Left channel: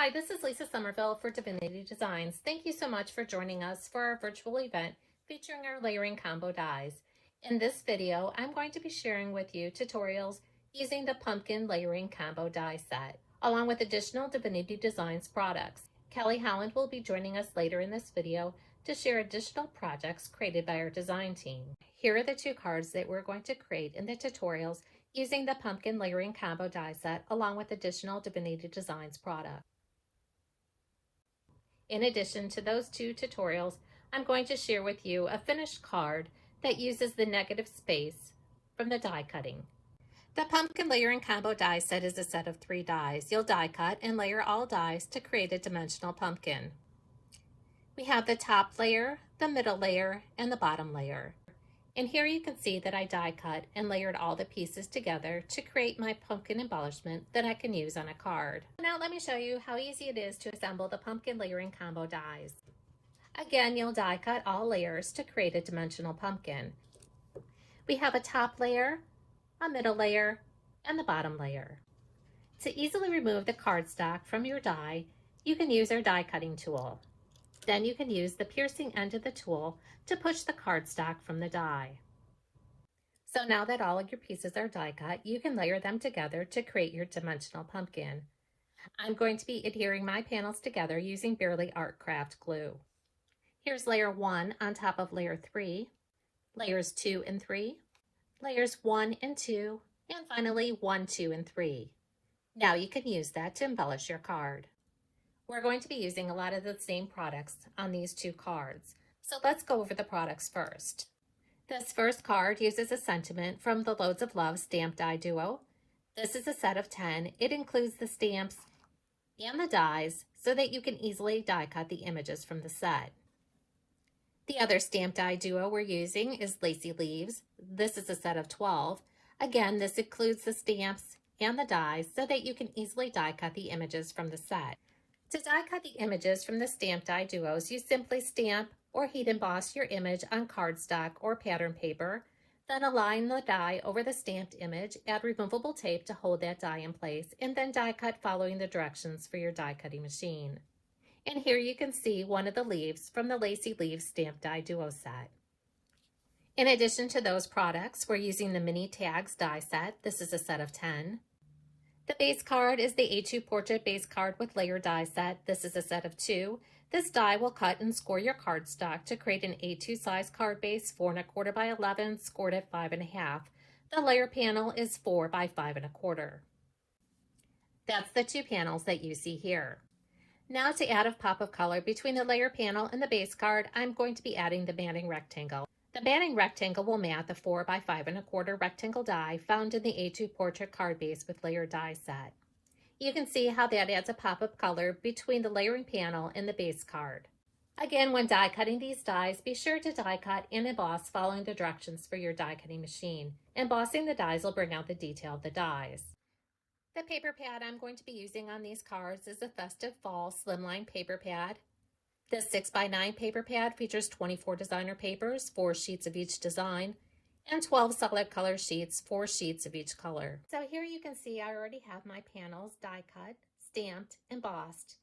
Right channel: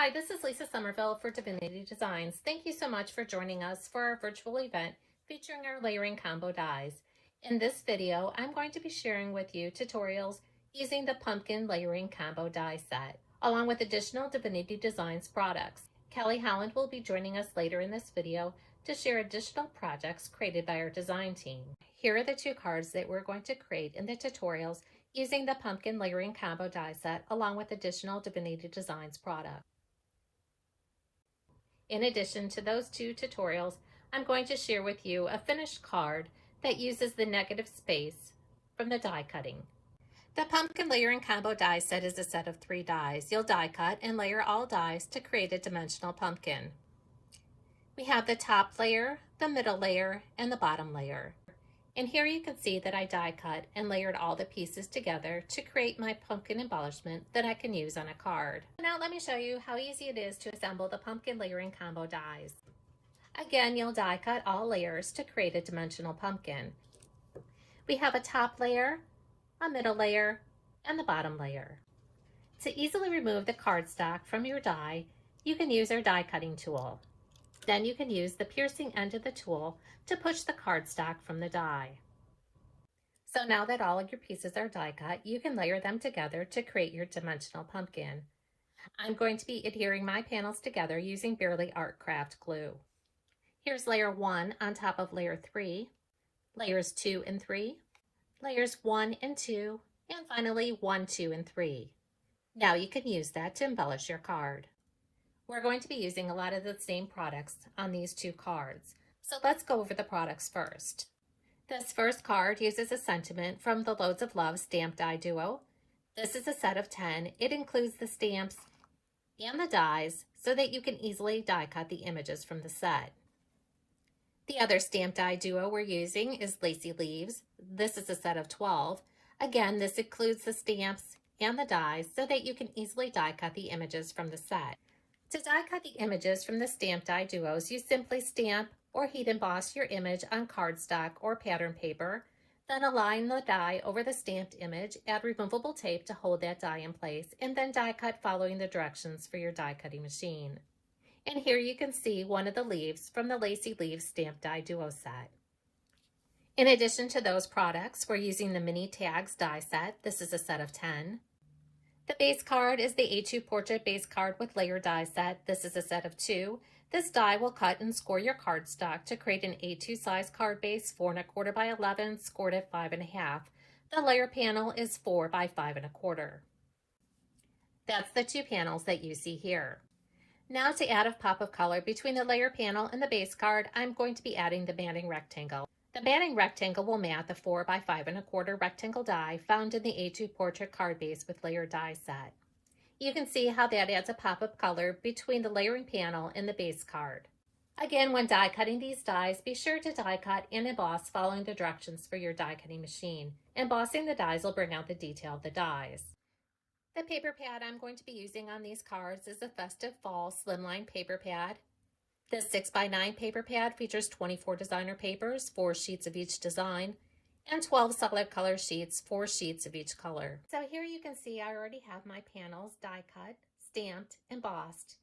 Hi, this is Lisa Somerville for Divinity Designs. Thank you so much for joining us for our virtual event featuring our layering combo dies. In this video, I'm going to be sharing with you tutorials using the pumpkin layering combo die set, along with additional Divinity Designs products. Kelly Holland will be joining us later in this video to share additional projects created by our design team. Here are the two cards that we're going to create in the tutorials using the pumpkin layering combo die set, along with additional Divinity Designs products. In addition to those two tutorials, I'm going to share with you a finished card that uses the negative space from the die cutting. The pumpkin layering combo die set is a set of 3 dies. You'll die cut and layer all dies to create a dimensional pumpkin. We have the top layer, the middle layer, and the bottom layer. And here you can see that I die cut and layered all the pieces together to create my pumpkin embellishment that I can use on a card. Now let me show you how easy it is to assemble the pumpkin layering combo dies. Again, you'll die cut all layers to create a dimensional pumpkin. We have a top layer, a middle layer, and the bottom layer. To easily remove the cardstock from your die, you can use our die cutting tool. Then you can use the piercing end of the tool to push the cardstock from the die. So now that all of your pieces are die cut, you can layer them together to create your dimensional pumpkin. I'm going to be adhering my panels together using Bearly Art Craft glue. Here's layer 1 on top of layer 3, layers 2 and 3, layers 1 and 2, and finally 1, 2, and 3. Now you can use that to embellish your card. We're going to be using a lot of the same products on these two cards. So let's go over the products first. This first card uses a sentiment from the Loads of Love stamp die duo. This is a set of 10. It includes the stamps and the dies so that you can easily die cut the images from the set. The other stamp die duo we're using is Lacy Leaves. This is a set of 12. Again, this includes the stamps and the dies so that you can easily die cut the images from the set. To die cut the images from the stamp die duos, you simply stamp or heat emboss your image on cardstock or pattern paper, then align the die over the stamped image, add removable tape to hold that die in place, and then die cut following the directions for your die cutting machine. And here you can see one of the leaves from the Lacy Leaves stamp die duo set. In addition to those products, we're using the mini tags die set. This is a set of 10. The base card is the A2 Portrait base card with layer die set. This is a set of 2. This die will cut and score your cardstock to create an A2 size card base, 4 1/4 by 11, scored at 5 1/2. The layer panel is 4 by 5 1/4. That's the two panels that you see here. Now to add a pop of color between the layer panel and the base card, I'm going to be adding the matting rectangle. The matting rectangle will mat the 4 by 5 1/4 rectangle die found in the A2 Portrait card base with layer die set. You can see how that adds a pop of color between the layering panel and the base card. Again, when die cutting these dies, be sure to die cut and emboss following the directions for your die cutting machine. Embossing the dies will bring out the detail of the dies. The paper pad I'm going to be using on these cards is a Festive Fall Slimline paper pad. This 6x9 paper pad features 24 designer papers, 4 sheets of each design, and 12 solid color sheets, 4 sheets of each color. So here you can see I already have my panels die cut, stamped, embossed,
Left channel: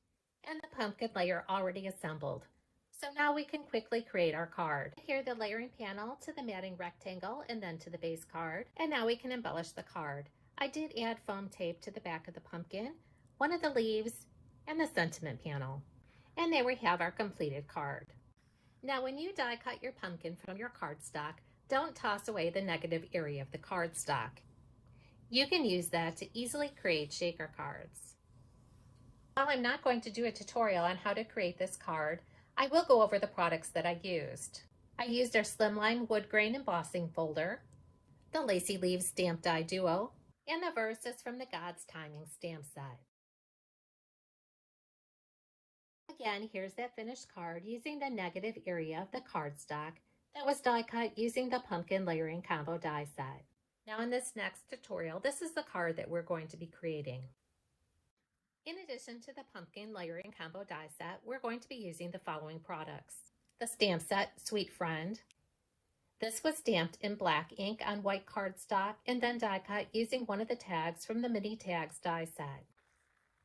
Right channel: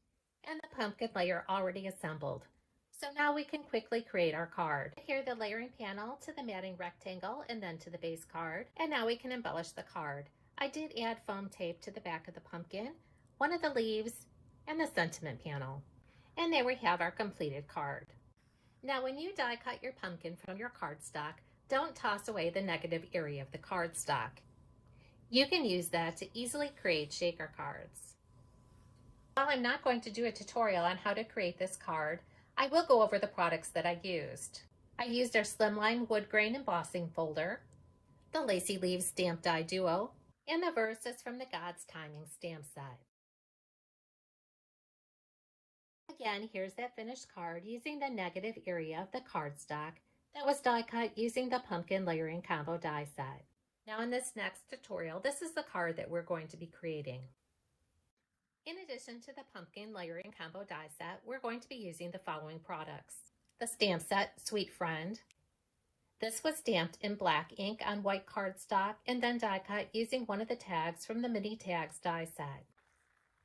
and the pumpkin layer already assembled. So now we can quickly create our card. Here the layering panel to the matting rectangle and then to the base card. And now we can embellish the card. I did add foam tape to the back of the pumpkin, one of the leaves, and the sentiment panel. And there we have our completed card. Now when you die cut your pumpkin from your cardstock, don't toss away the negative area of the cardstock. You can use that to easily create shaker cards. While I'm not going to do a tutorial on how to create this card, I will go over the products that I used. I used our Slimline Wood Grain Embossing Folder, the Lacy Leaves Stamp Die Duo, and the Verses from the God's Timing Stamp Set. Again, here's that finished card using the negative area of the cardstock that was die cut using the pumpkin layering combo die set. Now in this next tutorial, this is the card that we're going to be creating. In addition to the pumpkin layering combo die set, we're going to be using the following products. The stamp set, Sweet Friend. This was stamped in black ink on white cardstock and then die cut using one of the tags from the mini tags die set.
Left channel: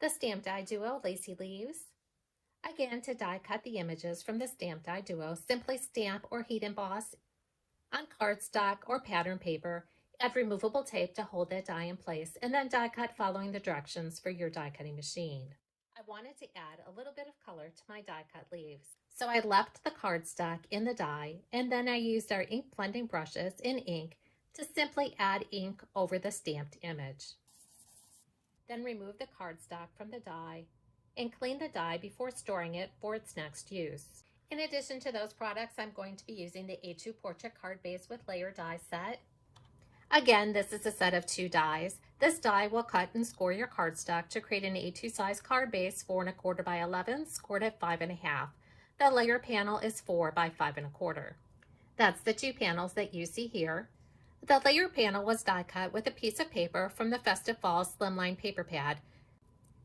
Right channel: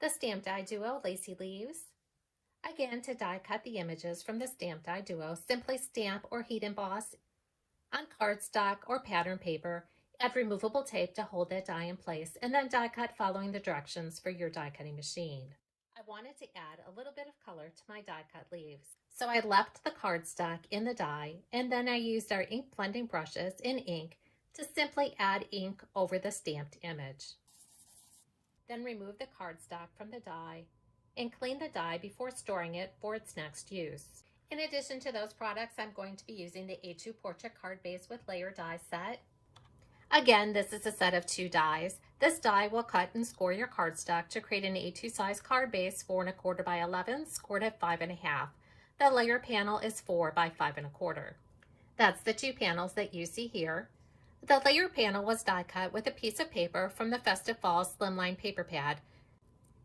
the Stamp Die Duo Lacy Leaves. Again, to die cut the images from the Stamp Die Duo, simply stamp or heat emboss on cardstock or pattern paper. Add removable tape to hold that die in place, and then die cut following the directions for your die cutting machine. I wanted to add a little bit of color to my die cut leaves, so I left the cardstock in the die, and then I used our ink blending brushes and ink to simply add ink over the stamped image. Then remove the cardstock from the die and clean the die before storing it for its next use. In addition to those products, I'm going to be using the A2 Portrait Card Base with Layer Die set. Again, this is a set of 2 dies. This die will cut and score your cardstock to create an A2 size card base 4 1/4 by 11, scored at 5 1/2. The layer panel is 4 by 5 1/4. That's the 2 panels that you see here. The layer panel was die cut with a piece of paper from the Festive Fall Slimline paper pad.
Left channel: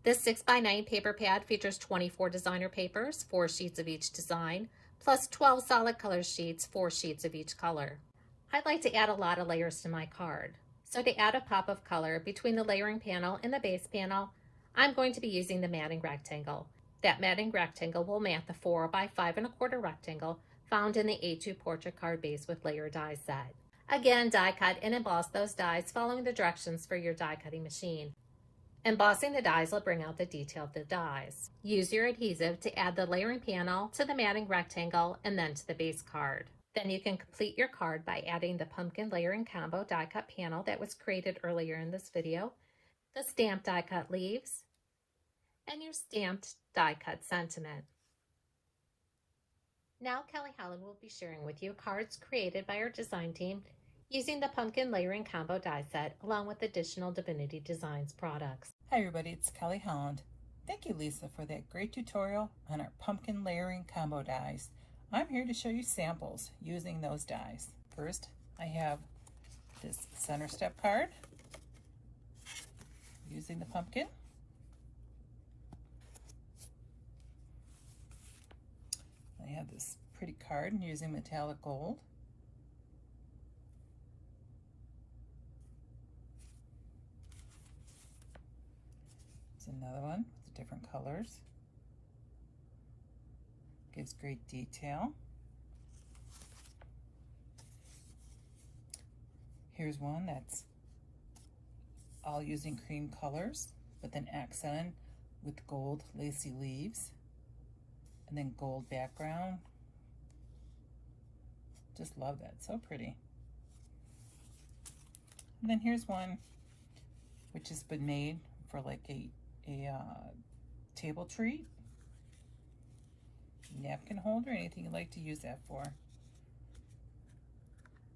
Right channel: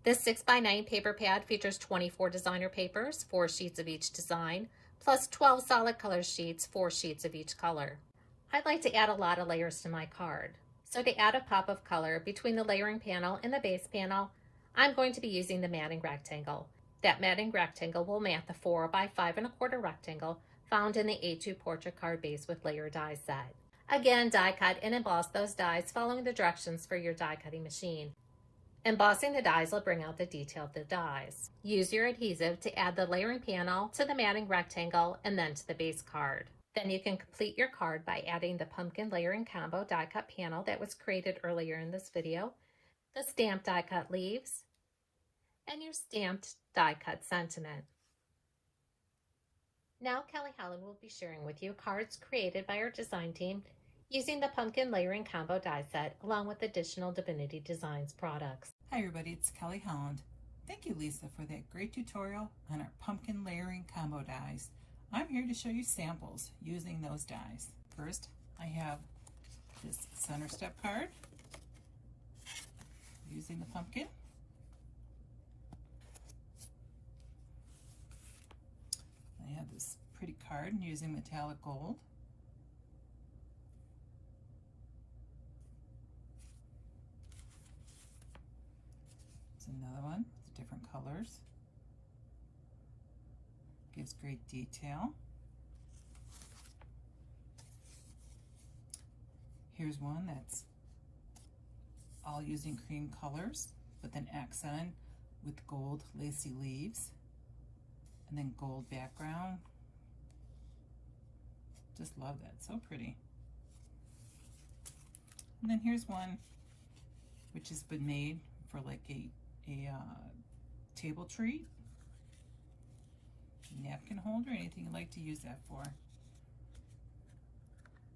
This 6x9 paper pad features 24 designer papers, 4 sheets of each design, plus 12 solid color sheets, 4 sheets of each color. I'd like to add a lot of layers to my card. So to add a pop of color between the layering panel and the base panel, I'm going to be using the matting rectangle. That matting rectangle will mat the 4 by 5 1/4 rectangle found in the A2 Portrait Card Base with Layer Die set. Again, die cut and emboss those dies following the directions for your die cutting machine. Embossing the dies will bring out the detail of the dies. Use your adhesive to add the layering panel to the matting rectangle and then to the base card. Then you can complete your card by adding the pumpkin layering combo die cut panel that was created earlier in this video, the stamped die cut leaves, and your stamped die cut sentiment. Now Kelly Holland will be sharing with you cards created by our design team using the pumpkin layering combo die set along with additional Divinity Designs products. Hi everybody, it's Kelly Holland. Thank you, Lisa, for that great tutorial on our pumpkin layering combo dies. I'm here to show you samples using those dies. First, I have this center step card using the pumpkin. I have this pretty card using metallic gold. It's another one with different colors. Gives great detail. Here's one that's all using cream colors, but then accented with gold lacy leaves, and then gold background. Just love that, so pretty. And then here's one which has been made for like a table treat, napkin holder, anything you'd like to use that for.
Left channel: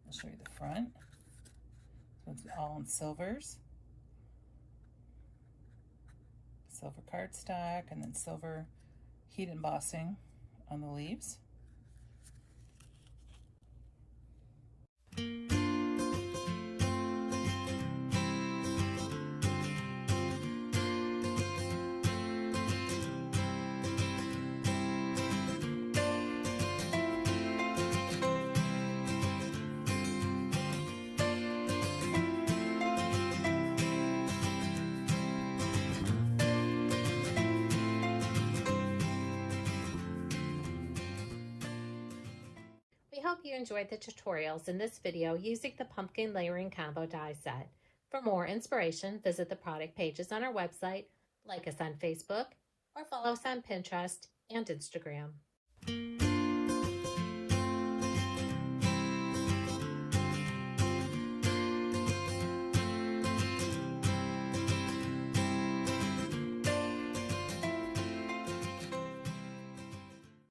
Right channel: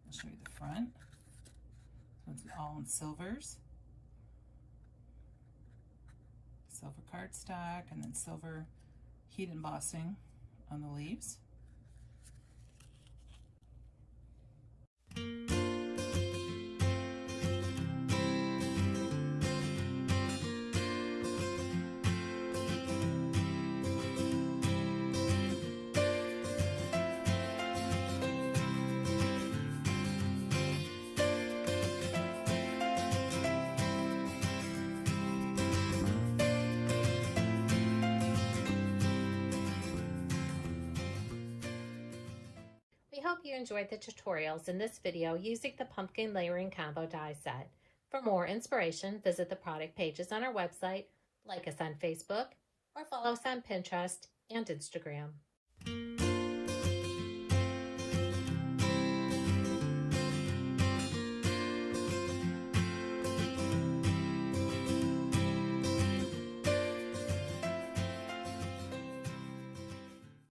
I'll show you the front. So it's all in silvers. Silver cardstock and then silver heat embossing on the leaves. We hope you enjoyed the tutorials in this video using the pumpkin layering combo die set. For more inspiration, visit the product pages on our website, like us on Facebook, or follow us on Pinterest and Instagram.